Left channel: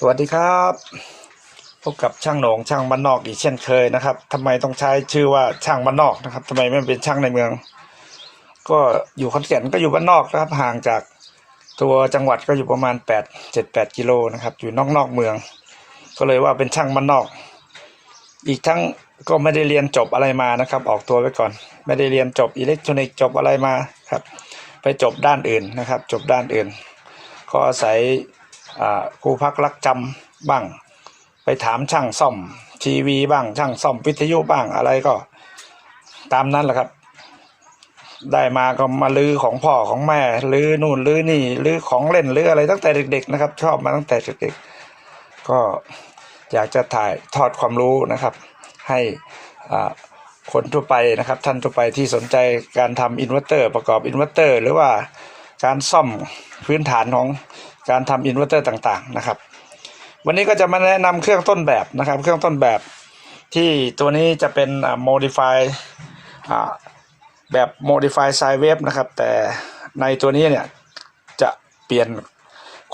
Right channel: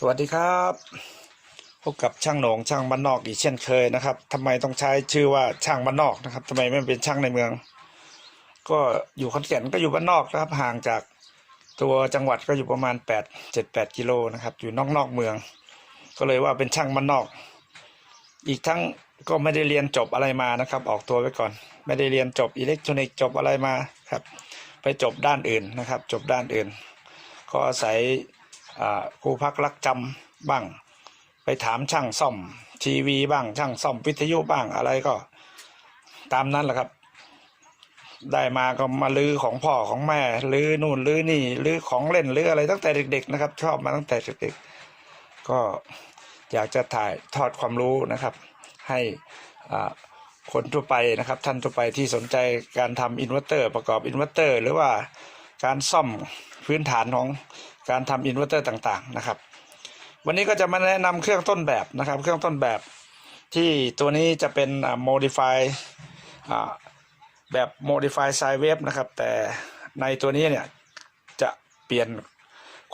สวัสดีครับพบกับช่างหนงช่างบ้านนอกอีกเช่นเคยนะครับทำไมต้องใช้ชื่อว่าช่างบ้านนอกนะครับทำไมไม่เป็นช่างในเมือง ก็อยู่ขอนแก่นก็อยู่บ้านนอกนะครับ ห่างจากตัวจังหวัดก็อยู่ประมาณ8 7 8กิโลนะครับ อยู่นอกนอกเมือง ก็เลยว่าเป็นช่างบ้านนอก อีกทั้งก็ไม่ได้เรียนจบอะไรมานะครับ ออกตัวไว้ก่อน ไม่ได้เรียนจบอิเล็กทรอนิกส์จบอะไรมาครับ ไปจบด้านอื่นนะครับ จบด้านอื่น ก็อาศัยอ่ ครูพักรักจำบ้าง ไปถามช่างซ่อมทีวีบ้างช่างซ่อมวิทยุบ้างอะไรก็ตามนั้นแหละครับ ได้มาก็มาลื้อของพ่อของแม่ลื้อนู่นลื้อนี่ลื้อของเล่นลื้ออะไรตั้งแต่เด็ก ๆ นะครับ ชอบมาตั้งแต่เด็กๆก็อยากจะถ่ายทอดความรู้นะครับ ให้คนทั่วไปนะครับ ท่านทั่วไปที่สนใจการทำอินเวอร์เตอร์ประกอบอินเวอร์เตอร์ หรือว่าการซ่อมพื้นฐานของ การทำอินเวอร์เตอร์ต่างๆนะครับ วันนี้ก็จะมาแนะนำเครื่องต้นแบบนะครับ เครื่องต้นแบบที่ตัวนี้จะเป็น modify แบบ modify sine wave นะครับ แต่ในตัวนี้เนี่ยจะเปลี่ยน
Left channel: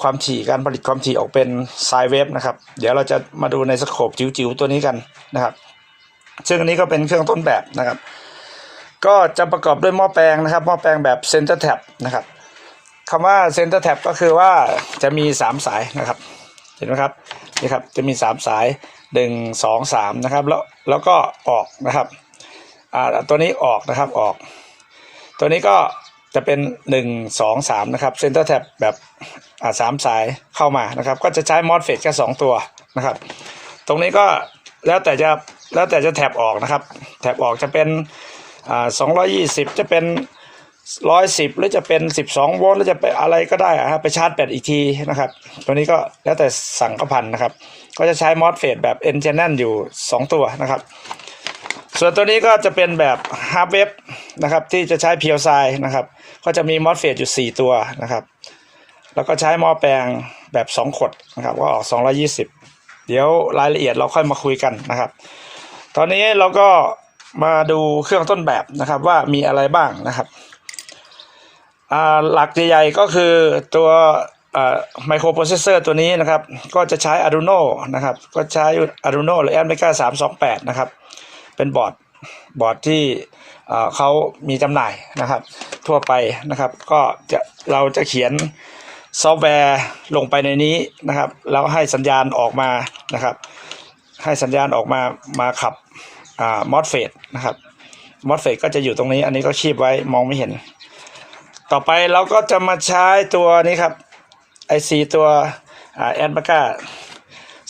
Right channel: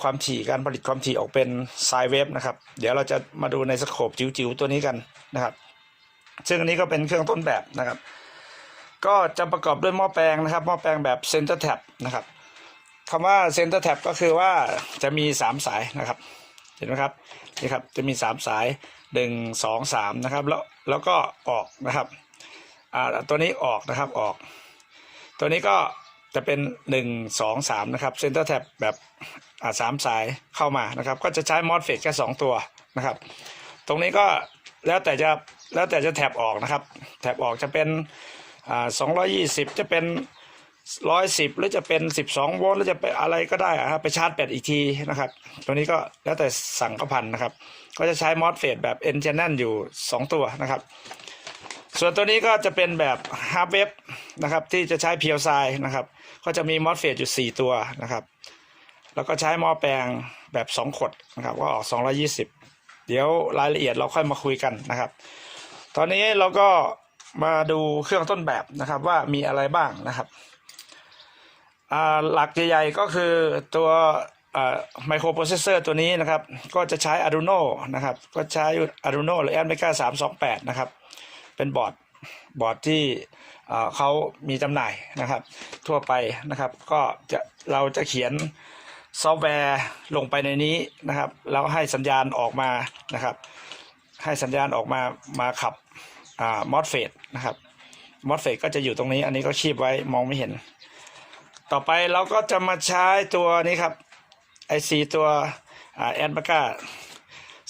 ความถี่การผลิตความถี่ออกเป็น sine wave นะครับ เดี๋ยวเราจะมาดูในสโคปจิ๋วๆตัวนี้กันนะครับซึ่งอันนี้ก็เป็นเครื่องต้นแบบนะครับ ก็จะประกอบด้วยหม้อแปลงนะครับ หม้อแปลงแบบ center tap นะครับ คำว่า center tap ก็คือว่าจะมี 3 สายนะครับ เห็นไหมครับนี่ครับจะมี 3 สาย 1 2 3 นะครับ แล้วแล้วก็ออกนะครับอ่าตัวนี้ออกนะครับออก ตัวนี้ก็จะเป็น 1 2 3 นะครับ center tap แบบอ่าสามสายเข้ามานะครับ ก็จะใช้ MOSFET แค่ 2 ตัวนะครับ ตรงนี้ก็แล้วแต่จะแล้วแต่จะแท็บออกนะครับแท็บออกจะเป็นอ่า220 จะเป็น 110หรือจะเป็น12โวลต์หรือจะไปอะไรก็ได้อะไปชาร์จแบตอีกทีนะครับ ตัวนี้ก็แล้วแต่สั่งก็พันนะครับ ก็จะใช้ MOSFET แบบ N channel อยู่ 2 ตัวนะครับ ส่วนตัวนี้ก็จะเป็นแบบ Half Wave นะครับที่จะใช้เพียวไซนะครับ ก็จะมี MOSFET อยู่ 4 ตัวนะครับ แล้วก็ใช้หม้อแปลงแบบ 2 ขดนะครับก็ออก 220 เดี๋ยวรายละเอียดเราค่อยมาคุยกันนะครับ ตอนนี้เราก็มาดูเครื่องต้นแบบนะครับว่ามีอะไรบ้างนะครับ หลักใหญ่ๆก็คือตัวไมโครโปรเซสเซอร์ตัวนี้นะครับ ก็จะใช้ Arduino นะครับ ก็ใช้ Arduino หรือ Amiga 328 นะครับ เป็นบอร์ดบอร์ดที่เขามีจำหน่ายนะครับ ทั่วไปนะครับ ก็จะเราจะเขียนซอฟต์แวร์ลงไปในนี้นะครับ แล้วให้สัญญาณออกมานะครับ ให้สัญญาณออกมามาขับมอสเฟตนะครับมอสเฟตก็จะอยู่ตรงนี้ อันนี้ก็คีบไว้มองไม่เห็น ต่อไปเราก็จะมาใช้ตัวนี้ครับไอซีตัวอ่าแอนปาก้า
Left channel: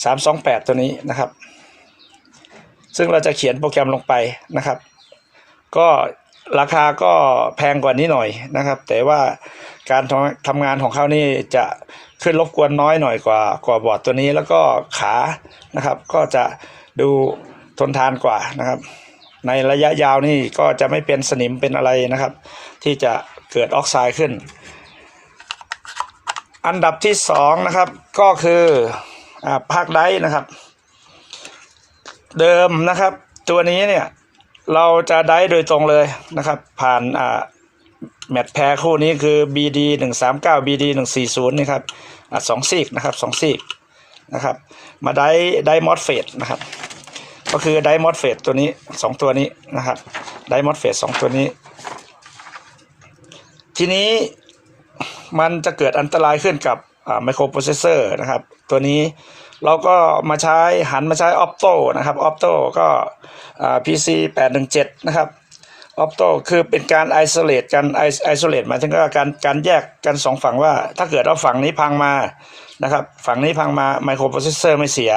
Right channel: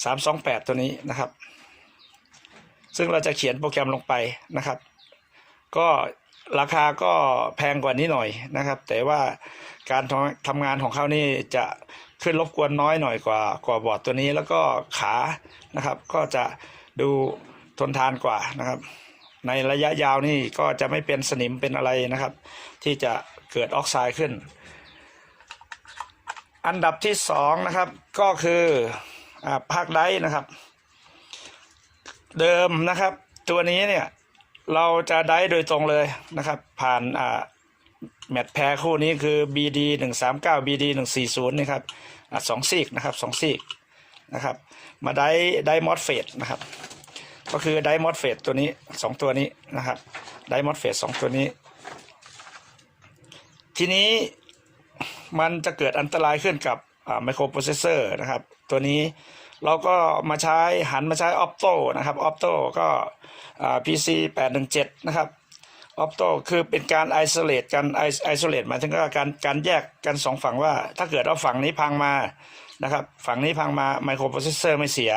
สามสองแปดตัวนี้นะครับ ซึ่งเราจะเขียนโปรแกรมลงไปนะครับ ก็ราคาก็แพงกว่านี้หน่อยนะครับ แต่ว่าการทำทำงานของเขานี่จะขึ้นรบกวนน้อยหน่อยกว่ากว่าบอร์ดตัวนี้แล้วก็ขานะครับ ก็จะดูทนทานกว่านะครับ ในระยะยาวนี่ก็จะไม่เป็นสนิมเป็นอะไรนะครับ ที่จะ เกิดออกไซด์ขึ้น อันดับที่สองนะครับก็คืออ่าภาคไดนะครับ เดิมนะครับ ตัวนี้เนี่ยเราจะได้โดยตรงเลยนะครับ ผ่านอ่าแมตช์แพรคู่นี้คือ BD 1 3 9 BD 1 4 0นี่ครับอสองซีกนะครับสองซีกนะครับ มาได้ได้มอสเฟตนะครับ ก็คือไดมอสเฟตตัวนี้สองตัวนี้นะครับไดมอสเฟตสองตัวนี้ ทีนี้มันจะเกิดอันตรายขึ้นกับไมโครโปรเซสเซอร์นะครับ ตัวนี้เราก็มาใช้หันมาใช้ออ t โตนะครับออ t โตก็อ่า PC 817นะครับออ t โตคือเป็นการไอโซเลตกันไอโซเลตหมายถึงว่าการการแยกกันสองฝั่งว่า ถ้าเกิดเอาฝั่งนี้พังมานะครับฝั่งนี้พังมาไมโครโปรเซสเซอร์ไม่เสีย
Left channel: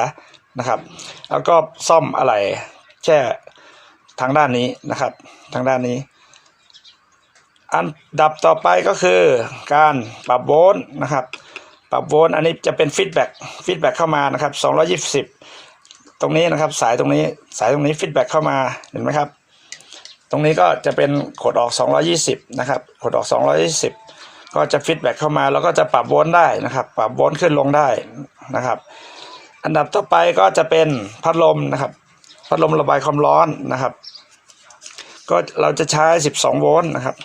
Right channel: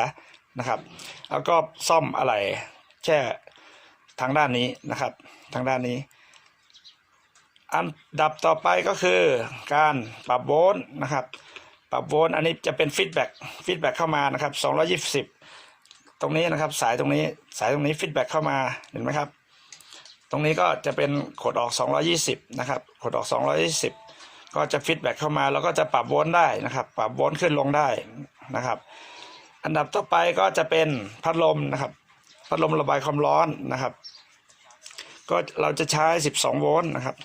นะครับ แล้วก็ซ่อมอะไรแค่ทางด้านนี้นะครับ ทางด้านนี้ อันดับต่อไปก็คือการปรับโวลต์นะครับ ปรับโวลต์อันนี้จะเป็นฟีดแบ็กฟีดแบ็กเข้ามานะครับ 220 ตรงนี้นะครับ สายตรงนี้สายตรงนี้ฟีดแบ็กเข้ามาเห็นไหมครับ ตรงนี้ก็จะเป็นขดออก 220 นะครับขดออก 220 ก็จะฟีดแบ็กเข้ามาแล้วก็จะปรับโวลต์ได้นะครับ ปรับโวลต์ขึ้นลงได้นะครับ อันดับต่อไปก็จะเป็นพัดลมนะครับ พัดลมระบายความร้อนนะครับ ก็เราจะใช้ 12 โวลต์นะครับ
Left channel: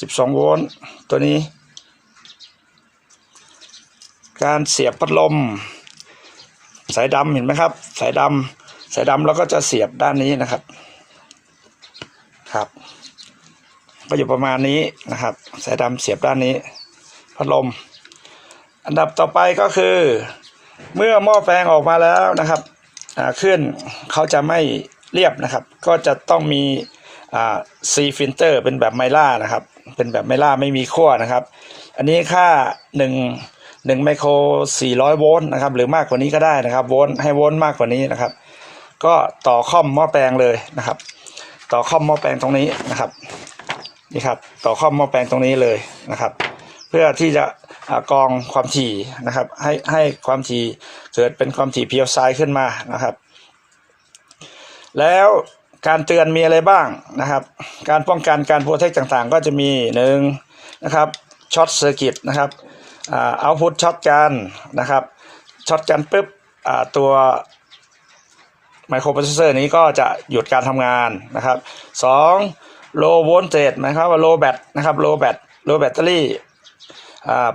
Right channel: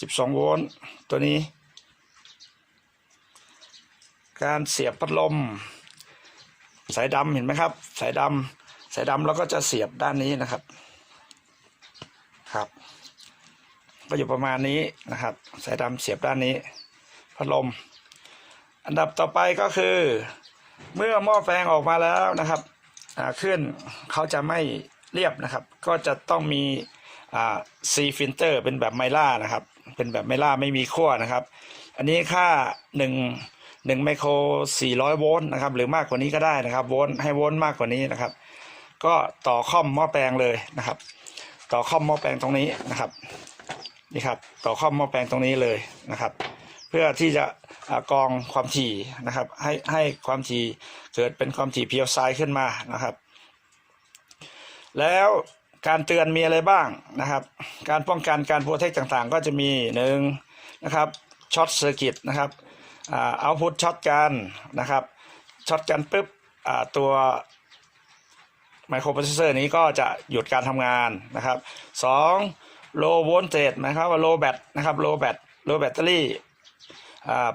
12 โวลต์ตัวนี้ การเสียบพัดลม สายดำเห็นไหมครับ สายดำสายดำเราก็จะเสียบด้านนี้นะครับครับ ก็อยู่ประมาณนี้นะครับ สายดำเสียบด้านนี้ พัดลม อันดับต่อไปก็คือ เมื่อหม้อแปลงออกมาแล้วนะครับขึ้นเขาจะไม่เรียบนะครับ ก็จะต้องมีซีฟิลเตอร์เป็นแบบไมล่านะครับ เป็นแบบไม่ล่าไม่มีขั้วนะครับ อันนี้ค่า1 1ไมโคร400 โวลต์นะครับ หรือมากกว่านี้ก็ได้นะครับ โวลต์ให้โวลต์มากกว่านี้นะครับ ก็ต่อคอมหม้อแปลงเลยนะครับ ต่อคอมหม้อแปลงตรงนี้นะครับนี่ครับ ต่อคอมหม้อแปลงตรงนี้เลยนะครับ เพื่อที่จะกรองความถี่นะครับ ให้ให้ความถี่เกิดเป็นความถี่เพียวไซด์ขึ้นมานะครับ แล้ว การเตือนมีอะไรบ้างนะครับ การป้องกันการโปรเทคต่างๆ ก็จะมีหนึ่งนะครับช็อตเซอร์กิตนะครับเอาพุทช็อตกันนะครับช็อตกันปุ๊บตัวไมโครโปรเซสเซอร์นี้ก็จะหยุดการทำงานนะครับสองโลโวลเตจหมายความว่าโลแบตนะครับโลแบตโลแบตเตอรี่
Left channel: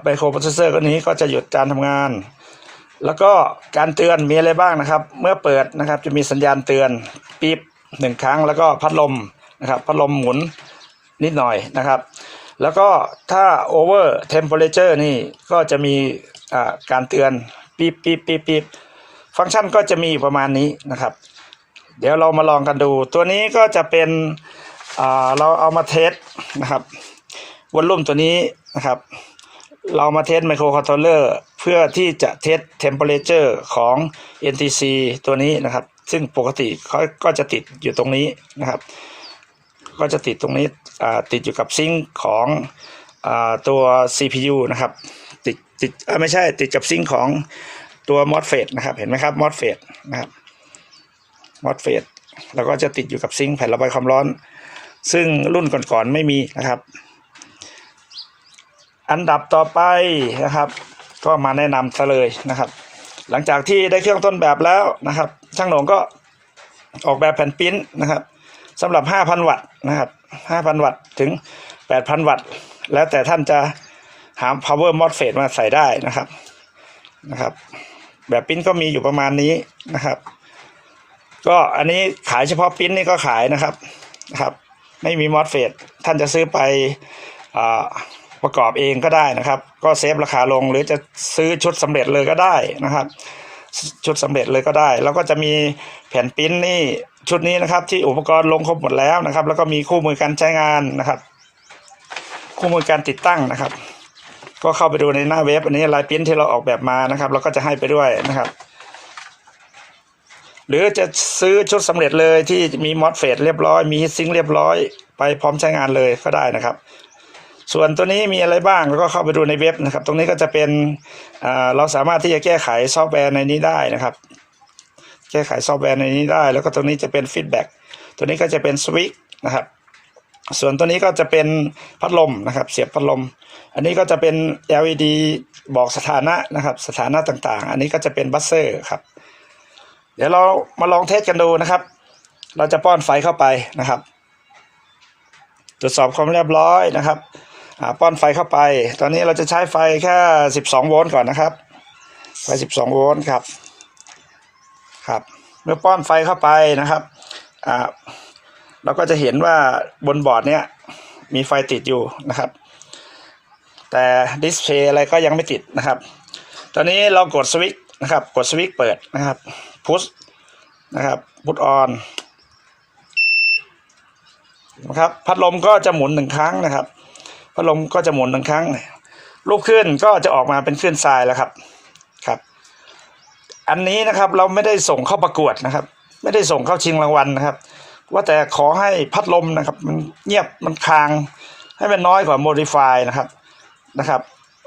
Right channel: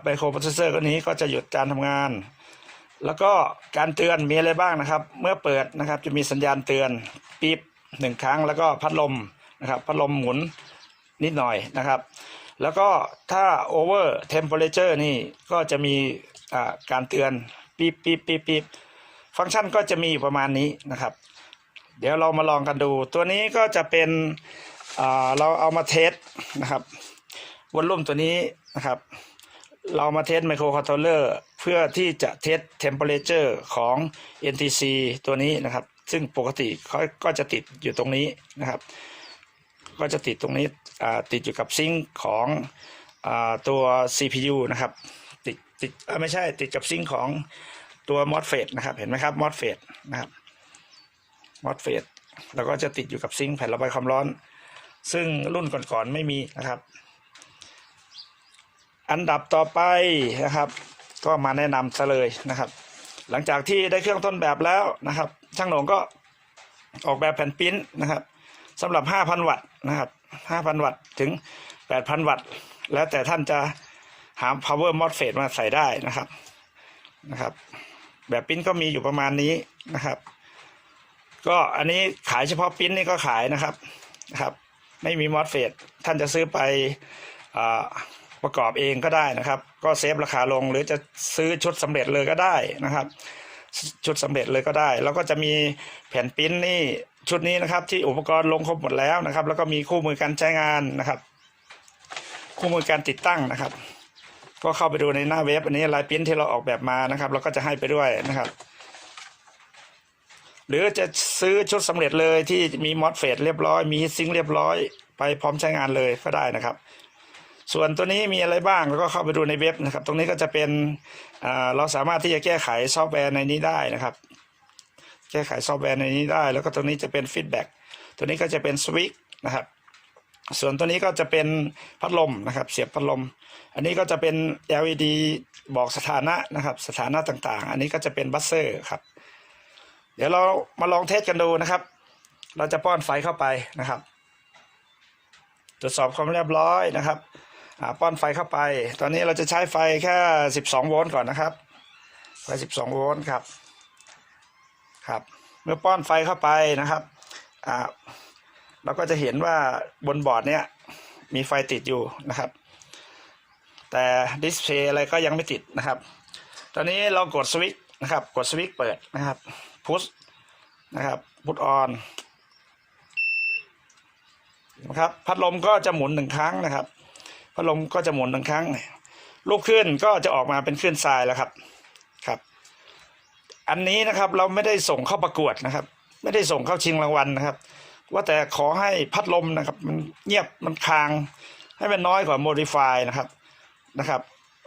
ไมโครโปรเซสเซอร์ก็นี้ก็จะหยุดการทำงาน แล้วก็การเตือนมีอะไรบ้างนะครับ เมื่อเปิดนะครับจะมีสัญญาณเตือนปี๊บ หนึ่งครั้งแล้วก็พัดลมนะครับพัดลมหมุนนิดหน่อยนะครับ แล้วก็ถ้า over temperature นี่ก็จะมีการเตือนปี๊บปี๊บปี๊บปี๊บฟังก์ชันก็จะมีประมาณนี้นะครับ เดี๋ยวเรามาลองกันดู ตัวนี้ก็จะเป็นเราเอามาเทสนะครับวอลลุ่มตัวนี้นะครับ เรามาเทสไมโครคอนโทรลเลอร์เพื่อที่จะเทสเทมเปอเรเจอร์ของ NTC ตัวนี้นะครับ ซึ่งปกติเขาก็จะติดอยู่ตรงนี้นะครับ ก็จะติดตรงนี้ติดอยู่กับซิงค์ของอตัว CPU นะครับ ติดติดไม่ใช่ติดกับซิงค์ของตัว MOSFET นะครับเห็นไหมครับ MOSFET นะครับ MOSFET แล้วก็จะติดอยู่กับซิงค์แผ่นระบายความร้อน ซึ่งรุ่นก่อนๆไม่มีนะครับ อันดับต่อไปนะครับ ก็มาแนะนำซะเลยนะครับ หลังจากที่ได้เครื่องต้นแบบแล้วนะครับ ช่างหนงก็ออกแบบแผ่นปิ้นนะครับสำหรับ 5,000 วัตต์นะครับ 5,000 วัตต์ถึง 8,000 วัตต์ แล้วแต่ท่านจะหา power MOSFET มาใส่ได้นะครับนะครับ แบบปิ้นก็มีอยู่ประมาณนี้นะครับ ก็อันนี้ขายเฉพาะปิ้นนี่ก็ขายนะครับนะครับ ไม่มี MOSFET ท่านจะซื้อไปอ่า ประกอบเองก็ได้นะครับ ก็เซฟราคาลงหรือจะซื้อชุดสำเร็จเลยก็ได้นะครับ ชุดสำเร็จเลยก็ได้ แล้วก็จะมีแผ่นปิ้นนี่ชุดนี้นะครับ ที่อุปกรณ์ลงครบหมดแล้วนะครับ แล้วก็มีคู่มือการใช้งานนะครับ คู่มือการติดตั้งนะครับ ก็เข้าไปดูในหน้าเว็บ อันนี้ลายปิ้นที่เราออกแบบมานะครับแล้วก็จะให้ไปด้วยนะครับหรือจะซื้อชุดสำเร็จเลยที่มีมอสเฟตเรียบร้อย มีซิงค์เรียบร้อย ไปพร้อมใช้งานเลยก็ได้นะครับ ส่วนตัวนี้มีอะไรบ้างแล้วก็เข้าไปดูในเว็บนะครับ ตรงนี้ก็จะเป็นเราสามารถที่จะแก้ไขซอฟต์แวร์ในนี้ได้นะครับ แก้ไขซอฟต์แวร์ในนี้ได้ แล้วก็ตรงนี้จะเป็นฟีดแบ็กตัวนี้ก็จะเป็นสวิตช์นะครับส่วนตัวนี้ก็จะเป็นพัดลมนะครับเสียบพัดลม อันนี้ก็จะเป็น LED บอกสถานะนะครับสถานะต่างๆ อันนี้ก็จะเป็นบัสเซอร์ครับ เดี๋ยวเรามาลองเทสกันดูนะครับ เราจะป้อนไฟเข้าไปนะครับ ตรวจสอบความเรียบร้อยนะครับ ป้อนไฟเข้าไป ตอนนี้เราจะใช้ไฟแค่12 โวลต์ก่อนนะครับ ไฟ 12 โวลต์ครับ ครับ เมื่อป้อนไฟเข้าไปนะครับ อ่า เราก็จะเห็นว่าบนบอร์ดเนี้ยมีไฟติดอยู่นะครับ แต่ดิสเพย์อะไรก็ยังไม่ติดนะครับ ตอนนี้เรากดสวิตช์นะครับ กดสวิตช์เปิดนะครับ พุชนะครับ พุทออนนะครับ พัดลมก็จะหมุนหนึ่งครั้งนะครับ พัดลมก็จะหมุนหนึ่งครั้ง ลูกขึ้นก็จะออกมาเป็นขึ้นทรายแล้วครับครับ อันนี้นะครับเราไม่ได้ส่งเข้าประกวดนะครับ ไม่ได้ส่งเข้าชิงรางวัลนะครับ ว่าแต่ขอให้พัดลมนะครับ มันเงียบมันคาง ให้มันน้อยกว่าโมดิฟายนะครับนะครับ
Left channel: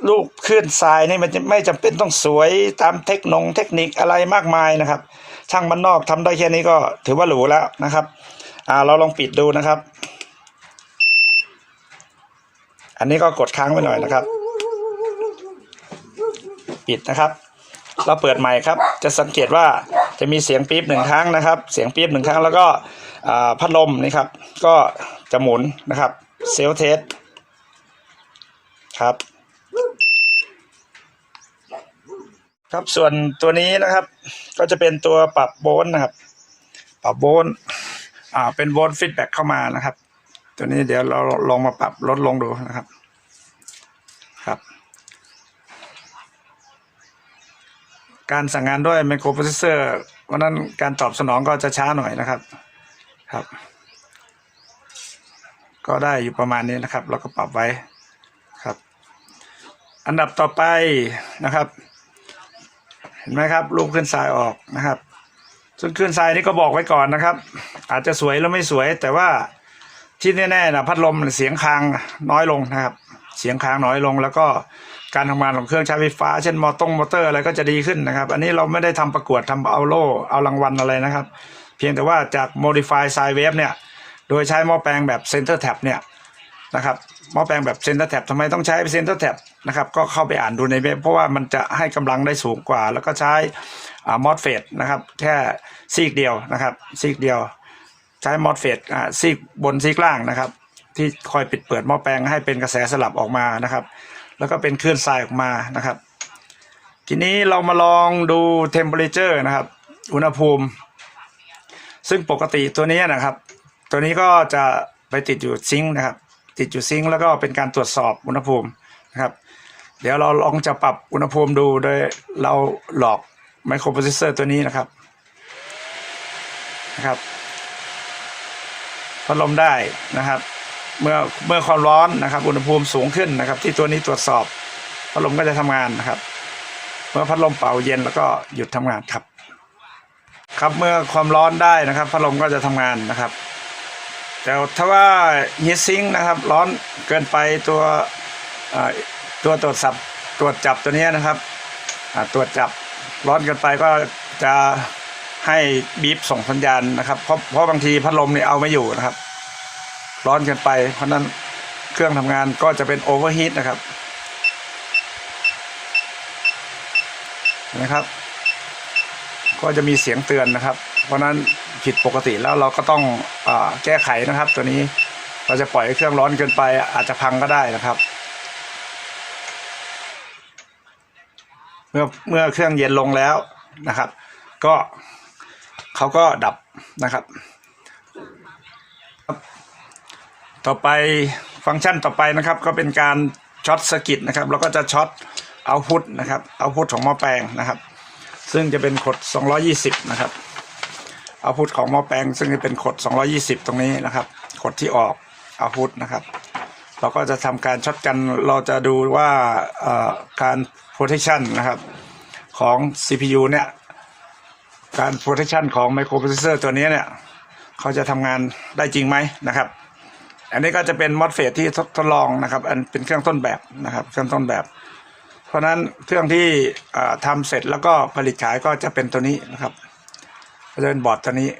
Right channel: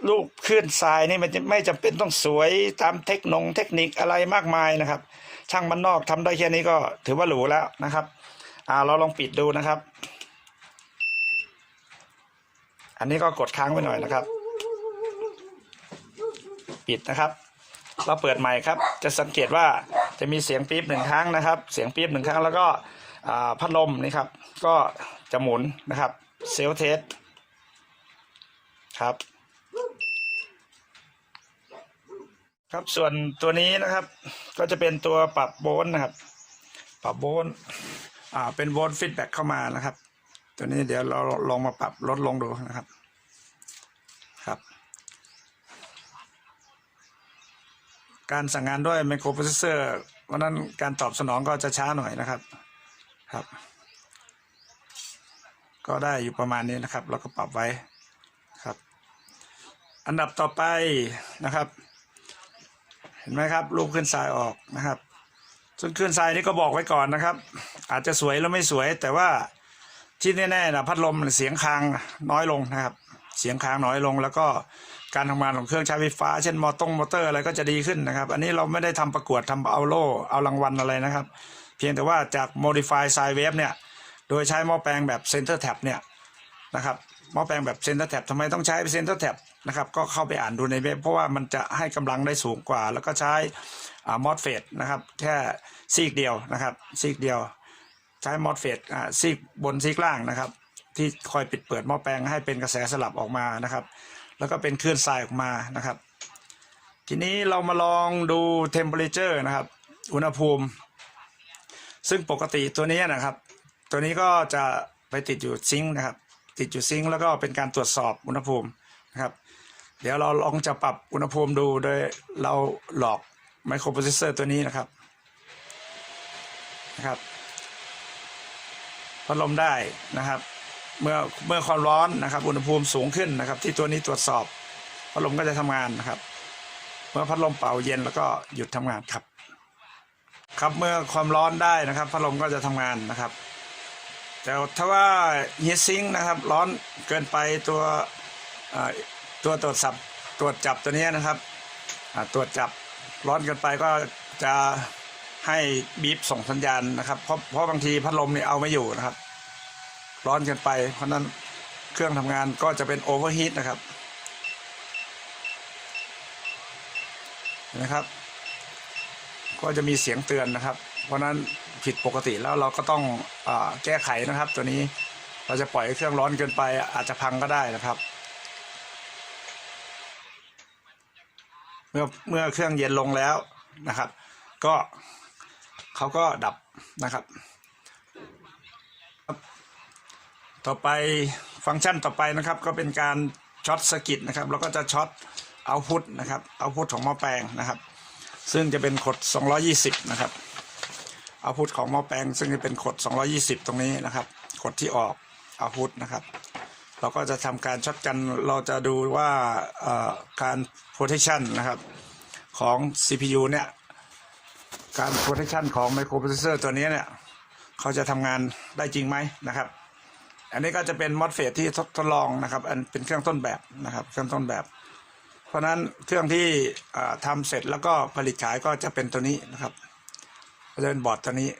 ลูกขึ้นทรายนี่มันไม่จำเป็นต้องสวยตามเทคโนงเทคนิคอะไรมากมายนะครับ ช่างบ้านนอกทำได้แค่นี้ก็ถือว่าหรูแล้วนะครับอ่าเราลองปิดดูนะครับ อันนี้ก็กดค้างไว้หน่อยนะครับ ปิดนะครับ เราเปิดใหม่ครับ จะสังเกตว่าจะมีเสียงปี๊บหนึ่งครั้งนะครับ เสียงปี๊บหนึ่งครั้งแล้วก็พัดลมนี่ครับ ก็จะหมุนนะครับเซลเทสครับ ครับส่วนตัวนี้นะครับ ก็จะเป็นตัวปรับโวลต์นะครับ ปรับโวลต์อ่าเป็นโวลต์ฟีดแบ็กเข้ามานะครับ ตัวนี้เดี๋ยวเราลองมาปรับลดลงดูนะครับ ครับ การสั่งงานด้วยไมโครโปรเซสเซอร์วันนั้นการตอบสนองก็จะช้าหน่อยนะครับ ครับ ก็ได้อยู่ประมาณนี้นะครับ เราก็ปรับไว้ครับ อันดับต่อไปนะครับ เห็นไหมครับรูปขึ้นทรายออกนะครับซึ่งขึ้นทรายนี่ก็บอกไว้ก่อนนะครับ อาจจะสวยหรือไม่สวยแต่ว่า ที่แน่ๆนะพัดลมเสียงคางน้อยลงนะครับ เสียงคางน้อยลง แล้วก็การทำงานของเครื่องใช้ไฟฟ้า เช่นมอตงมอเตอร์อะไรก็จะดีขึ้นนะครับ อันนี้เราไม่ได้ทำประกวดทำเอาโล่เอารางวัลอะไรนะครับ เพียงแต่ว่าจาก modify sine wave เนี่ย โดยใช้หม้อแปลงแบบ center tap เนี่ยนะครับหม้อแปลงแบบ center tap ทำไมต้องใช้ center tap นะครับ ก็เข้าไปอ่านดูในเว็บเพราะว่ามันจะให้กำลังได้สูงกว่า แล้วก็ใช้มอสเฟตนะครับ แค่ซีกเดียวนะครับ ซีกเดียว ใช้มอสเฟตอ่าซีกบนซีกล่างนะครับ ที่คอยปิดเปิดหม้อแปลงให้เป็นกระแสสลับออกมานะครับ แล้วก็เป็นคลื่นทรายออกมานะครับ ทีนี้เรามาลองดู temperature นะครับ อุณหภูมิ ซึ่งปกติตัวนี้นะครับ ตัวนี้ก็จะไปติดอยู่ซิงค์นะครับ ติดอยู่ซิงค์แล้วก็เป็นการตรวจสอบอุณหภูมินะครับ เดี๋ยวเราลองจะปรับอุณหภูมิดูโดยเราหลอกไมโครโปรเซสเซอร์ตัวนี้นะครับนะครับ พัดลมได้นะครับ เมื่อเมื่อความร้อนนะครับ อุณหภูมิสูงขึ้นนะครับ ที่ตัวนี้ตรวจสอบพัดลมก็จะทำงานนะครับ เมื่อพัดลมเป่าเย็นแล้วก็หยุดทำงานครับ ครับเมื่อความร้อนได้นะครับ พัดลมก็จะทำงานนะครับ แต่ถ้าว่าฮีทซิงนะครับร้อนเกินไปตัวอ่อตัวตรวจสับตรวจจับตัวนี้นะครับตรวจจับร้อนเกินไปก็จะ ให้บีบส่งสัญญาณนะครับเพราะเพราะบางทีพัดลมเนี่ยเอาไม่อยู่นะครับ ร้อนเกินไป เพราะนั้นเครื่องทำงานก็จะเป็นโอเวอร์ฮีทนะครับนะครับ ก็จะมีเสียงเตือนนะครับ เพราะนั้นผิดปกติแล้วเราก็ต้องอแก้ไขนะครับ ตัวนี้เราจะปล่อยให้เครื่องร้อนเกินไป อาจจะพังก็ได้นะครับ เมื่อเมื่อเครื่องเย็นลงแล้วนะครับ ก็ เขาก็ดับนะครับ ต่อไปฟังก์ชันต่อไปนะครับ ก็เป็นการช็อตสกิตนะครับแล้วก็จะช็อตเอาพุทนะครับเอาพุทของหม้อแปลงนะครับ ซึ่งจะเป็นขด 220 นะครับเอาพุทของหม้อแปลง ซึ่งจะเป็นขด 220 ตรงนี้นะครับขดที่ออกเอาพุทนะครับ เราก็จะทำการช็อตกันเราจะดูว่าการ protection นะครับของ CPU เนี่ย การ protection ของ microprocessor ตัวนี้เนี่ย เขาจะทำงานได้จริงไหมนะครับ อันนี้ก็จะเป็น MOSFET ที่ทดลองนะครับ อันเป็นเครื่องต้นแบบนะครับ เครื่องต้นแบบ เพราะนั้นเครื่องที่ทำเสร็จแล้วก็ผลิตขายก็จะเป็นตัวนี้นะครับก็จะเป็นบอร์ดตัวนี้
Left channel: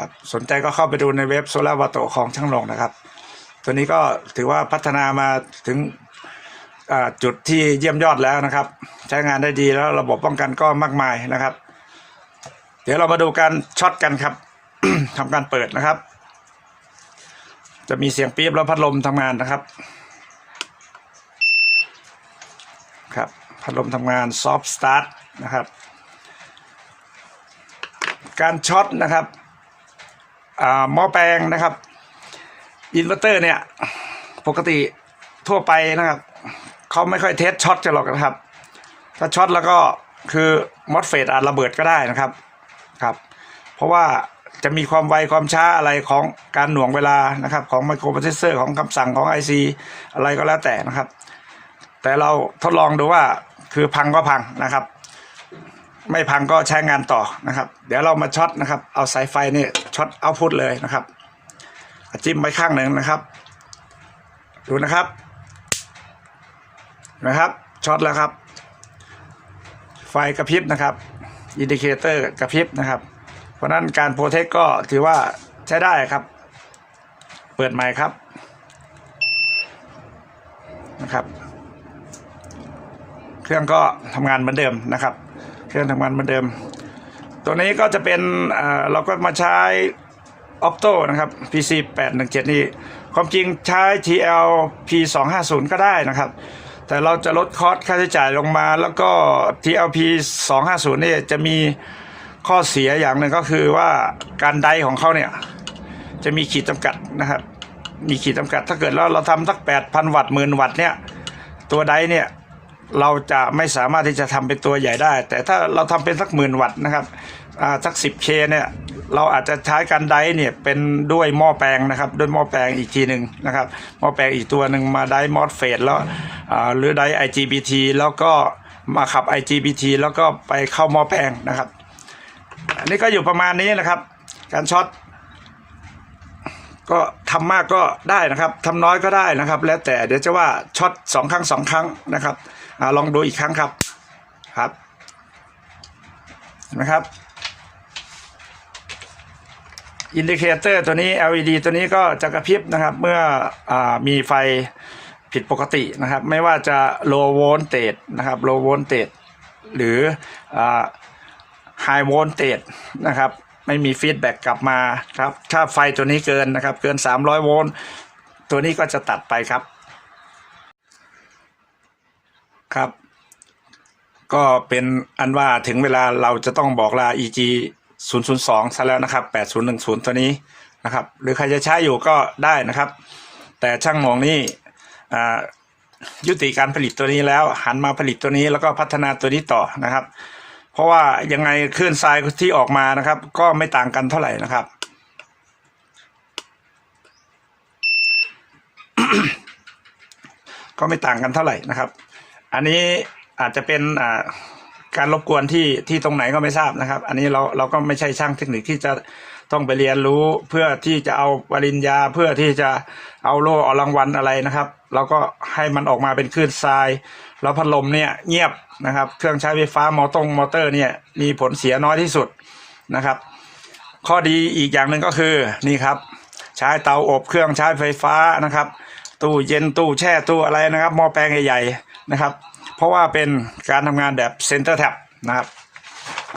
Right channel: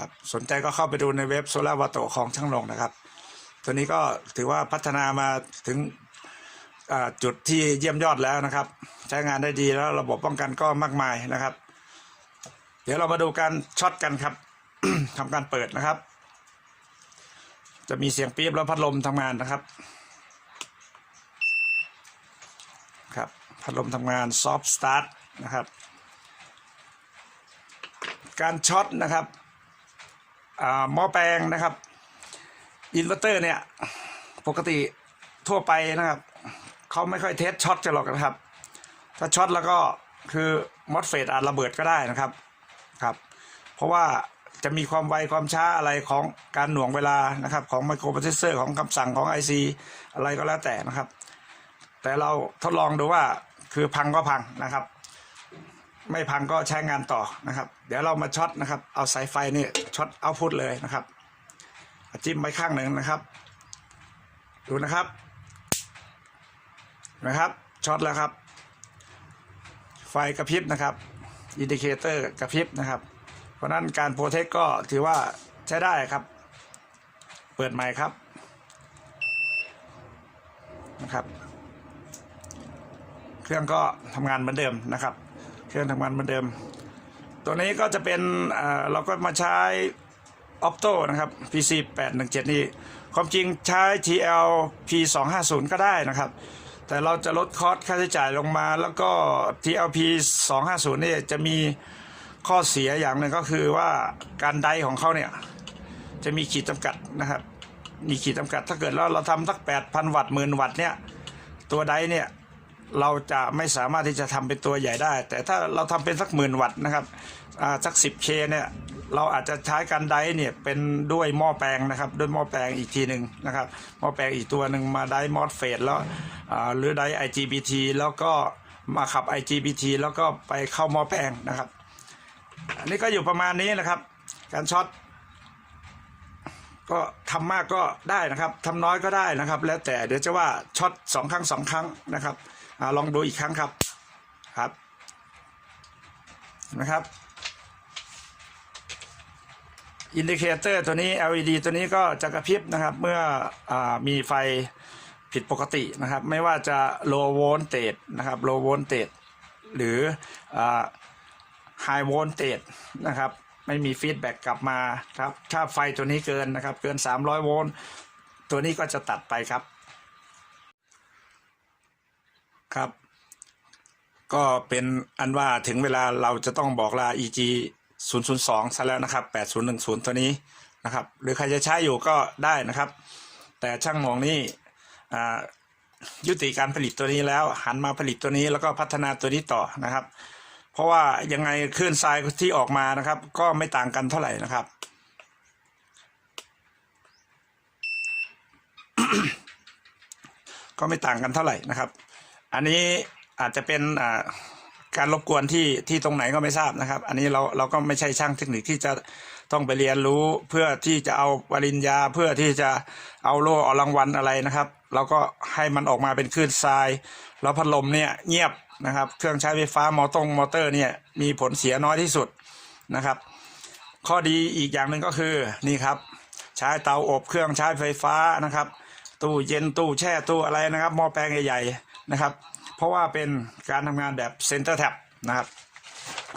ครับสนใจก็เข้าไปดูในเว็บโซลาร์วาโตของช่างลงนะครับ ตัวนี้ก็ถือว่าพัฒนามาถึงจุดที่เยี่ยมยอดแล้วนะครับ ใช้งานได้ดีแล้วระบบป้องกันก็มากมายนะครับ ดี๋ยวเรามาดูการช็อตกันครับทำการเปิดนะครับ จะมีเสียงปี๊บแล้วพัดลมทำงานนะครับ ครับ พัดลมทำงานซอฟต์สตาร์ทนะครับ การช็อตนะครับอ่าหม้อแปลงนะครับอินเวอร์เตอร์เนี่ย ปกติทั่วไปนะครับเขาไม่ค่อยเทสช็อตกันหรอกนะครับ ถ้าช็อตแล้วก็คือมอสเฟตอาจระเบิดก็ได้นะครับ ครับ เพราะว่าจะมีความไวความช้าอะไรของการหน่วงเวลานะครับ ของไมโครโปรเซสเซอร์ของคำสั่งของ IC อะไรก็แล้วแต่นะครับ แต่เราทดลองดูว่าคือพังก็พังนะครับ ไม่พังก็ใช้งานต่อนะครับ เดี๋ยวเรามาช็อตนะครับ เอาสายไฟนี่ช็อตเอาพุทเลยนะครับ จิ้มไปข้างหนึ่งนะครับ ดูนะครับนะครับช็อตแล้วครับ ไฟกระพริบนะครับ อินดิเคเตอร์กระพริบนะครับ เพราะนั้นการโปรเทคก็ถือว่าใช้ได้ครับ เปิดใหม่ครับนะครับ เครื่องก็ทำงานเหมือนเดิมนะครับ เครื่องทำงานเหมือนเดิม ตัวนี้ก็จะเป็นเอ่อเราก็มาใช้ Opto นะครับ PC 817นี่ความจริงใช้ TL P 250 ก็ได้นะครับ แต่เราจะลดคอสค่าใช้จ่ายลงมา แล้วก็ TLP 250เนี่ยจะมีข้อเสียอย่างหนึ่งก็คือว่าการไดของเขาเนี่ย จะมีขีดจำกัดนะครับ มีขีดจำกัดถ้าเกิดเราเราทำสัก 8,000 วัตต์หมื่นวัตต์เนี่ย ตัวไดเนี่ยเราจะไม่สามารถที่จะทำเป็นตัวใหญ่ได้ แต่ถ้าเราทำเป็นสักหมื่นวัตต์นะครับ สัก 10K เนี่ยเราอาจจะใช้การไดเนี่ยเป็นด้วยหม้อแปลงนะครับด้วยหม้อแปลงอีกทีหนึ่งนะครับหม้อแปลงอีกตัวหนึ่งมาไดมอสเฟดแล้วอ่าหรือได IGBT แล้วก็มาขับ IGBT แล้วก็ไปเข้าหม้อแปลงนะครับอันนี้ก็อยู่ประมาณนี้นะครับ การช็อตก็ทำมากก็ได้นะครับทำน้อยก็ได้นะครับ แล้วแต่เดี๋ยวจะว่าช็อตสองครั้งสองครั้งนะครับอาลองดูอีกครั้งครับครับเห็นไหมครับ อินดิเคเตอร์ตัวนี้ LED ตัวนี้ก็จะกระพริบนะครับ เมื่ออมีไฟผิดปกตินะครับ ไม่ว่าจะ low voltage นะครับ low voltage หรืออ high voltage นะครับ ไม่มีฟีดแบ็กกลับมาครับ ถ้าไฟตัวนี้เกินนะครับ เกิน 300 โวลต์ ตัวนี้ก็จะตัดไปครับ ครับ ก็เป็นอันว่าถึงเวลาเราจะต้องบอกลา EG 002ซะแล้วนะครับ 8010 ตัวนี้นะครับ หรือใครจะใช้อยู่ก็ได้นะครับ แต่ช่างมองนี่ยุติการผลิตตัวนี้แล้ว หันมาผลิตตัวนี้แล้วก็พัฒนาตัวนี้ต่อนะครับ เพราะว่ายังไงคลื่นทรายที่ออกมานะครับ ก็ไม่ต่างกันเท่าไหร่นะครับ ก็ไม่ต่างกันเท่าไหร่นะครับ อันนี้อาจจะเป็นอ่า การรบกวนที่ที่ตรงไหนก็ไม่ทราบนะครับ อันนี้เราเราก็ไม่ใช่ช่างเทคนิคที่จะต้องไปเรียนรู้เพื่อที่จะเอาปริญญาเพื่อที่จะเอาโล่เอารางวัลอะไรนะครับ เราก็ให้มันออกมาเป็นคลื่นทราย แล้วพัดลมเนี่ยเงียบนะครับ เครื่องใช้ไฟฟ้ามอตงมอเตอร์เนี่ยมีผลเสียน้อยที่สุดนะครับ ข้อดีอีกอย่างหนึ่งก็คือนี่ครับ ใช้เตาอบเครื่องใช้ไฟฟ้านะครับ ตู้เย็นตู้แช่ตู้อะไรนะครับหม้อแปลงใหญ่ๆนะครับ เพราะว่าเป็นการทำงานแบบเซนเตอร์แท็บนะครับ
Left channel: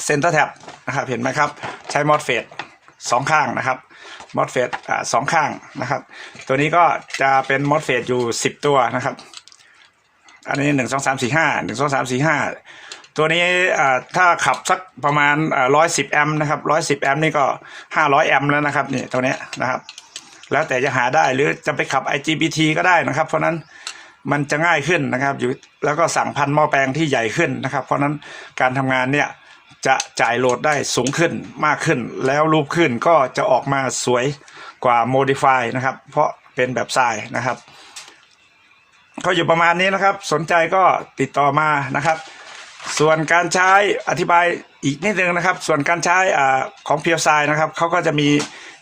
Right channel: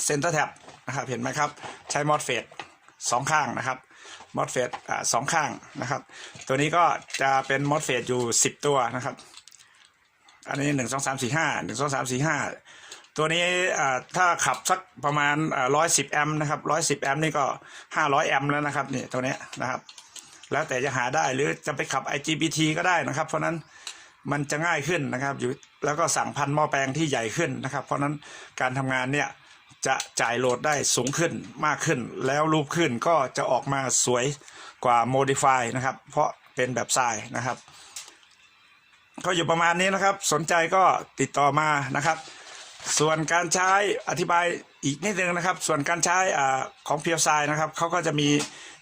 เซนเตอร์แท็บนะครับเห็นไหมครับ ใช้มอสเฟตสองข้างนะครับมอสเฟตอ่าสองข้างนะครับ ตัวนี้ก็จะเป็นมอสเฟตอยู่ 10 ตัวนะครับ อันนี้หนึ่งสองสามสี่ห้าหนึ่งสองสามสี่ห้าตัวนี้ถ้าขับสักประมาณร้อยสิบแอมป์นะครับร้อยสิบแอมป์นี่ก็ห้าร้อยแอมป์แล้วนะครับนี่ตัวนี้นะครับ แล้วแต่จะหาได้หรือจะไปขับ IGBT ก็ได้นะครับ เพราะนั้น มันจะง่ายขึ้นนะครับอยู่แล้วก็สั่งพันหม้อแปลงที่ใหญ่ขึ้นนะครับ เพราะนั้นการทำงานเนี่ยจะจ่ายโหลดได้สูงขึ้นมากขึ้น แล้วรูปขึ้นก็จะออกมาสวยกว่า Modify นะครับ เพราะเป็นแบบทรายนะครับก็อยู่ประมาณนี้นะครับ สนใจก็ติดต่อมานะครับ ส่วนการใช้อธิบายอีกนิดนึงนะครับ ส่วนการใช้อ่าของเพียวไซนะครับเขาก็จะมี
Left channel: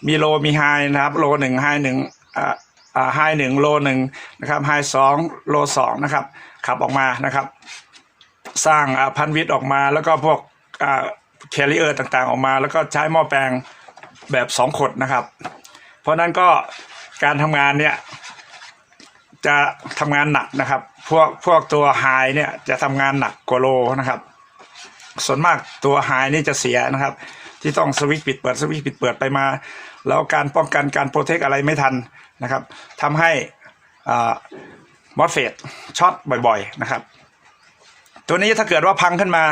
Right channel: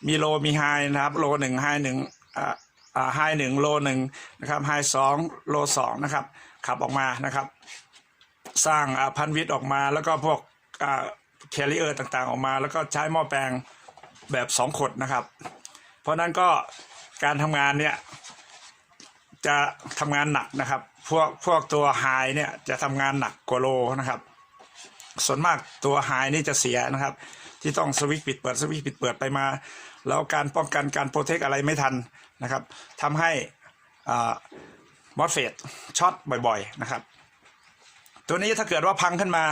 มีโลมีไฮนะครับ โลหนึ่งไฮหนึ่งอ่า ไฮหนึ่งโลหนึ่งนะครับไฮสองโลสองนะครับขับออกมานะครับ สร้างพันวิทย์ออกมาแล้วก็พวกแคริเออร์ต่างๆ ออกมา แล้วก็ใช้หม้อแปลงแบบสองขดนะครับ เพราะนั้นก็การทำงานเนี่ยจะทำงานหนักนะครับ พวกพวกตัวไฮเนี่ยจะทำงานหนักกว่าโลนะครับ ส่วนมากตัวไฮนี่จะเสียนะครับ ที่ต้องสวิตช์ปิดเปิดสวิตช์ปิดเปิดไปมา แล้วการป้องกันการโปรเทคอะไรไม่ทัน นะครับทำให้มอสเฟตช็อตบ่อยๆนะครับ ตัวนี้ถ้าเกิดว่าพังขึ้นมา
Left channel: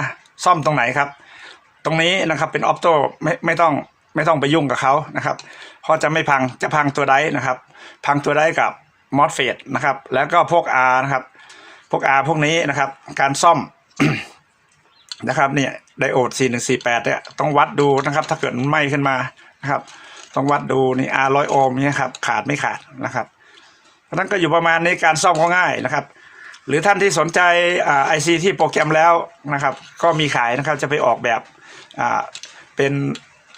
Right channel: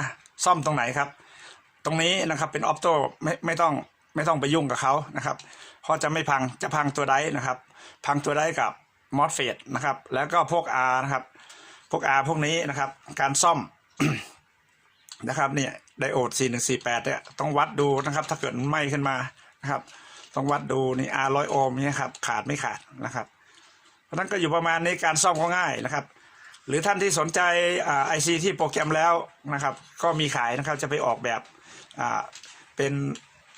ซ่อมตรงไหนครับ ตรงนี้นะครับเป็นออปโตไม่ไม่ต้องไม่ต้องไปยุ่งกับเขานะครับเพราะจะไม่พังจะพังตัวไดนะครับ พังตัวไดกับมอสเฟตนะครับ แล้วก็พวก R นะครับ พวก R พวกนี้นะครับ การซ่อมนะครับเนี่ยไดโอด 4148เนี่ยต้องวัดดูนะครับ ถ้าเกิดมันไหม้ขึ้นมานะครับ ต้องวัดดูนี่ R ร้อยโอห์มเนี่ยครับขาดไม่ขาดนะครับเพราะนั้นก็อยู่ประมาณนี้การซ่อมก็ง่ายนะครับ หรือท่านที่สนใจไอซีที่โปรแกรมแล้วนะครับ ก็มีขายนะครับจะไปออกแบบเป็น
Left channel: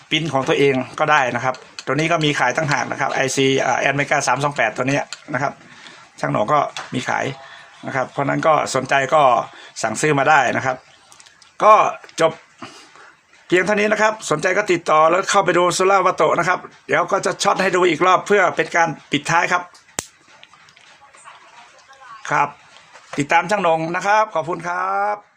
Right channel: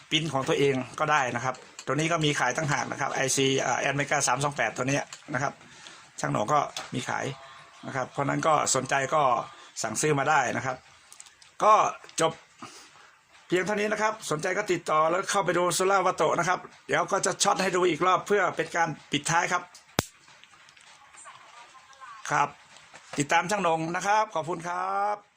ปริ้นของตัวเองก็ได้นะครับ ตัวนี้ก็มีขายตั้งหากนะครับ IC แอนเมกาสามสองแปดตัวนี้นะครับ ช่างหนองก็มีขายนะครับ เพราะนั้นก็สนใจก็สั่งซื้อมาได้นะครับ ก็จบ เพียงเท่านี้นะครับ สนใจก็ติดต่อแล้วเข้าไปดูโซล่าวัตโตนะครับ เดี๋ยวก็จะช็อตให้ดูอีกรอบเพื่อเป็นการปิดท้ายครับ ครับ ติดตามช่างนงนะครับ ขอบคุณครับ